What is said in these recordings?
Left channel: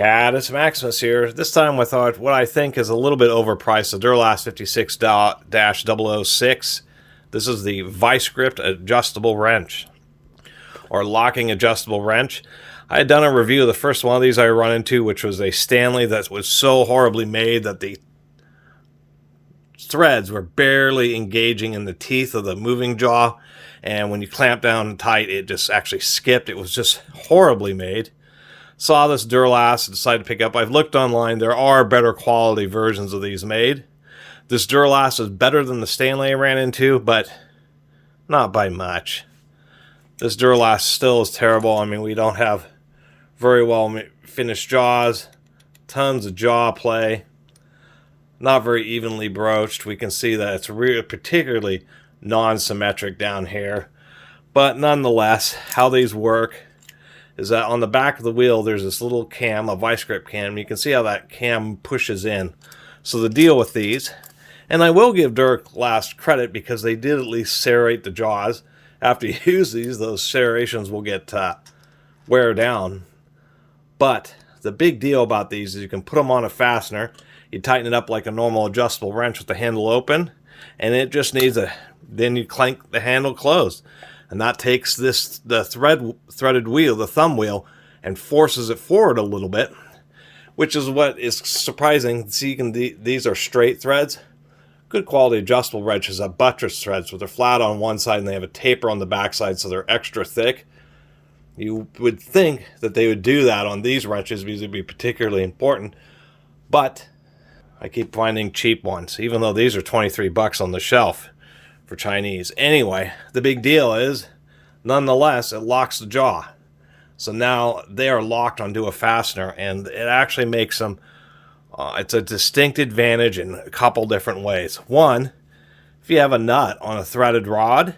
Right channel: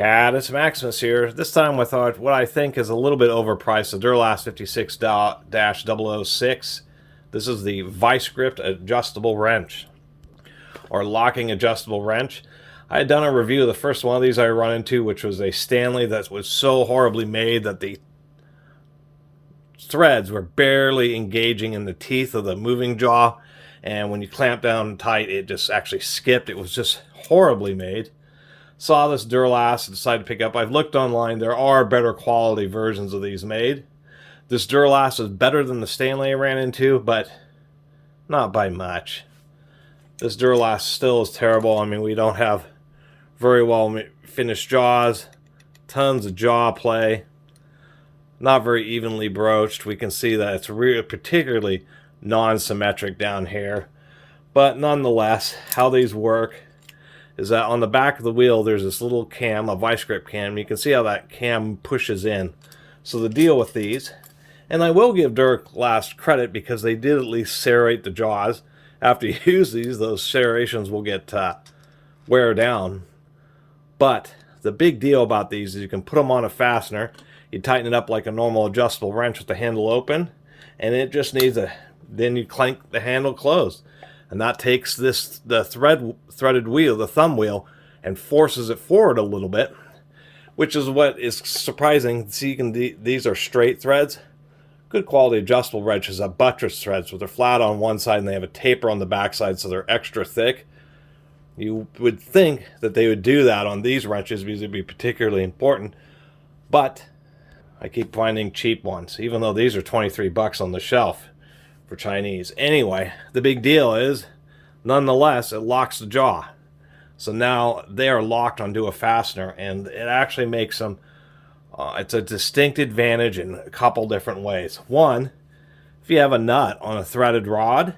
Catus Maximus here. This time with what I think is a little bit overpriced, the Duralast 56-006. This is the vice grip adjustable wrench, or locking adjustable wrench. I had done a review of the first one of these I run into, which was a Stanley that was so horribly made that the threads were barely engaging in the teeth of the moving jaw, and when you clamp down tight, it just actually skipped. It was just horribly made. Saw this Duralast and decided to pick up. I've looked online. There are better quality versions of these made. This Duralast is better than the Stanley I ran into, but not by much. This Duralast still is terrible. I mean, we don't have very well finished jaws, tons of jaw play, not very evenly broached. We can see that it's particularly non-symmetric down here. But nonetheless, how these work is that on the back of the wheel there's this little cam, a vice grip cam. You can see how that cam pushes in. So the deal with these, and I will give Duralast credit because they did at least serrate the jaws. After you use these, those serrations will get wear down. But the big deal about these is you can put them on a fastener. You tighten it up like a normal adjustable wrench with the handle open, and it just needs then you clank the handle closed. And that takes the threaded wheel, the thumb wheel, and forces it forward a little bit, which is what is surprising. See, these are straight threads. Good quality adjustable wrenches have buttress threads, where they're flat on one side and they have a taper on the back side, so they're extra thick. You would think that they would do that on these wrenches because it'd be particularly important, but I keep finding cheap ones, even though these are 23 bucks on the shelf for Chinese. Anyway, the big deal is, nonetheless, it locks the jaw. So now they are locked onto a fastener, and it actually makes them, it's a distinct advantage in a couple different ways. One, if you have a nut on a threaded rod,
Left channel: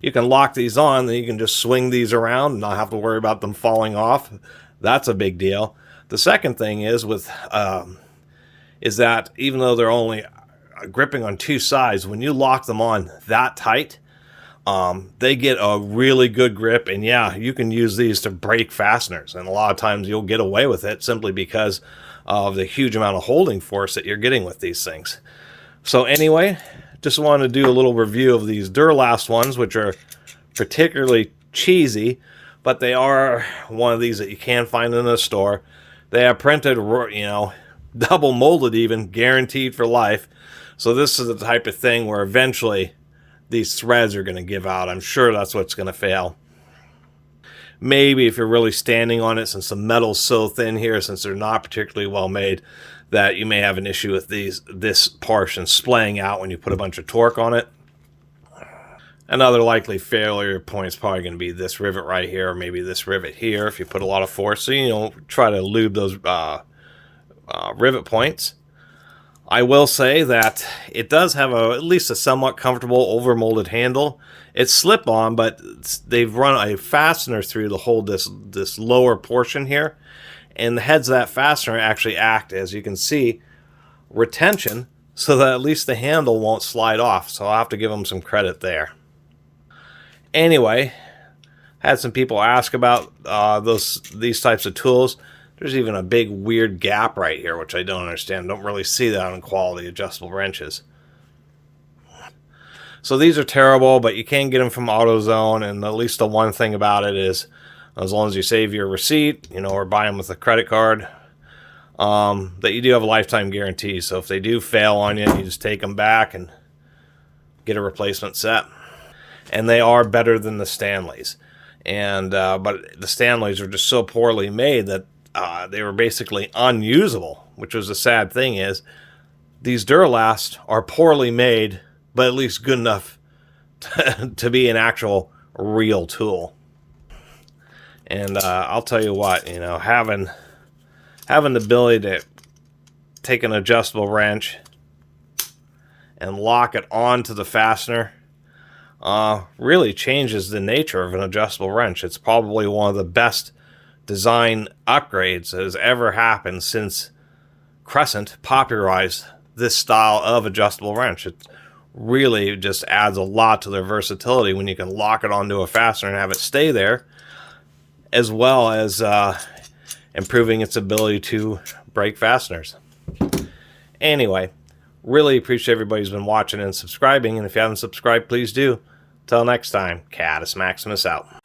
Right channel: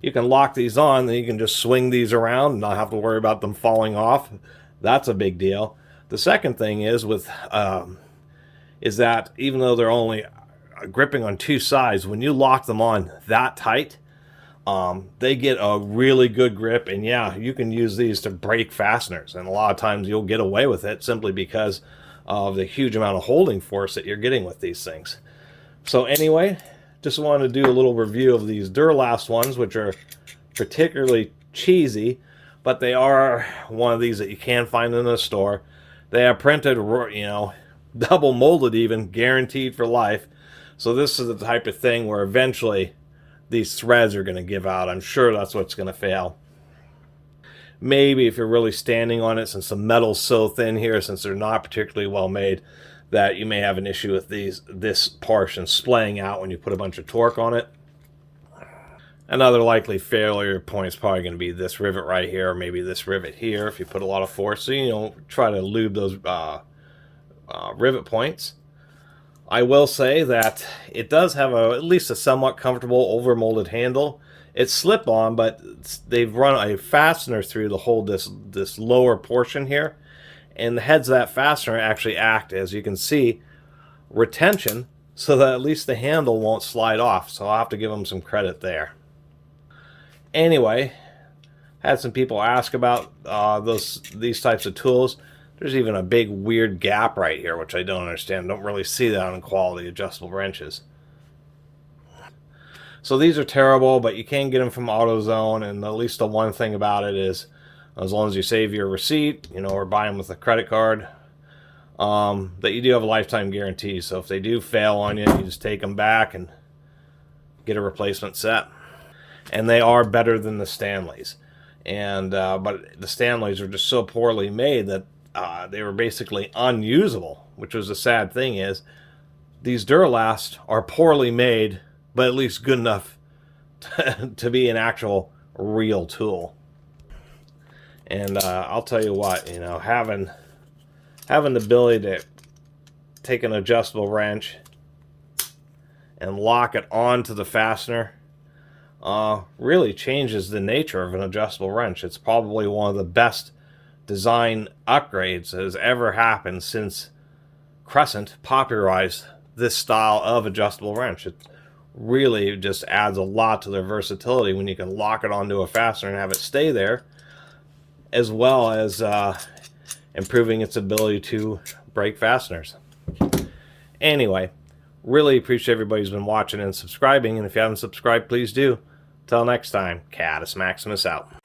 you can lock these on, then you can just swing these around and not have to worry about them falling off. That's a big deal. The second thing is is that even though they're only gripping on two sides, when you lock them on that tight, they get a really good grip. And yeah, you can use these to break fasteners, and a lot of times you'll get away with it simply because of the huge amount of holding force that you're getting with these things. So anyway, just wanted to do a little review of these Duralast ones, which are particularly cheesy, but they are one of these that you can find in a store. They are printed, double molded even, guaranteed for life. So this is the type of thing where eventually these threads are going to give out. I'm sure that's what's going to fail. Maybe if you're really standing on it, since the metal's so thin here, since they're not particularly well made, that you may have an issue with this portion splaying out when you put a bunch of torque on it. Another likely failure point is probably going to be this rivet right here, or maybe this rivet here if you put a lot of force. So, try to lube those rivet points. I will say that it does have at least a somewhat comfortable overmolded handle. It's slip-on, but they've run a fastener through to hold this lower portion here. And the heads of that fastener actually act, as you can see, retention, so that at least the handle won't slide off. So I'll have to give them some credit there. Anyway, had some people ask about these types of tools. There's even a big weird gap right here, which I don't understand. Don't really see that in quality adjustable wrenches. So these are terrible, but you can get them from AutoZone, and at least the one thing about it is, as long as you save your receipt, or buy them with a credit card, that you do have a lifetime guarantee. So if they do fail on you, you just take them back and get a replacement set. And they are better than the Stanleys. And but the Stanleys are just so poorly made that they were basically unusable, which was the sad thing is these Duralast are poorly made, but at least good enough to be an actual real tool. And I'll tell you what, having the ability to take an adjustable wrench and lock it onto the fastener really changes the nature of an adjustable wrench. It's probably one of the best design upgrades that has ever happened since Crescent popularized this style of adjustable wrench. It really just adds a lot to their versatility when you can lock it onto a fastener and have it stay there, as well as improving its ability to break fasteners. Anyway, really appreciate everybody who's been watching and subscribing, and if you haven't subscribed, please do. Till next time, Catus Maximus out.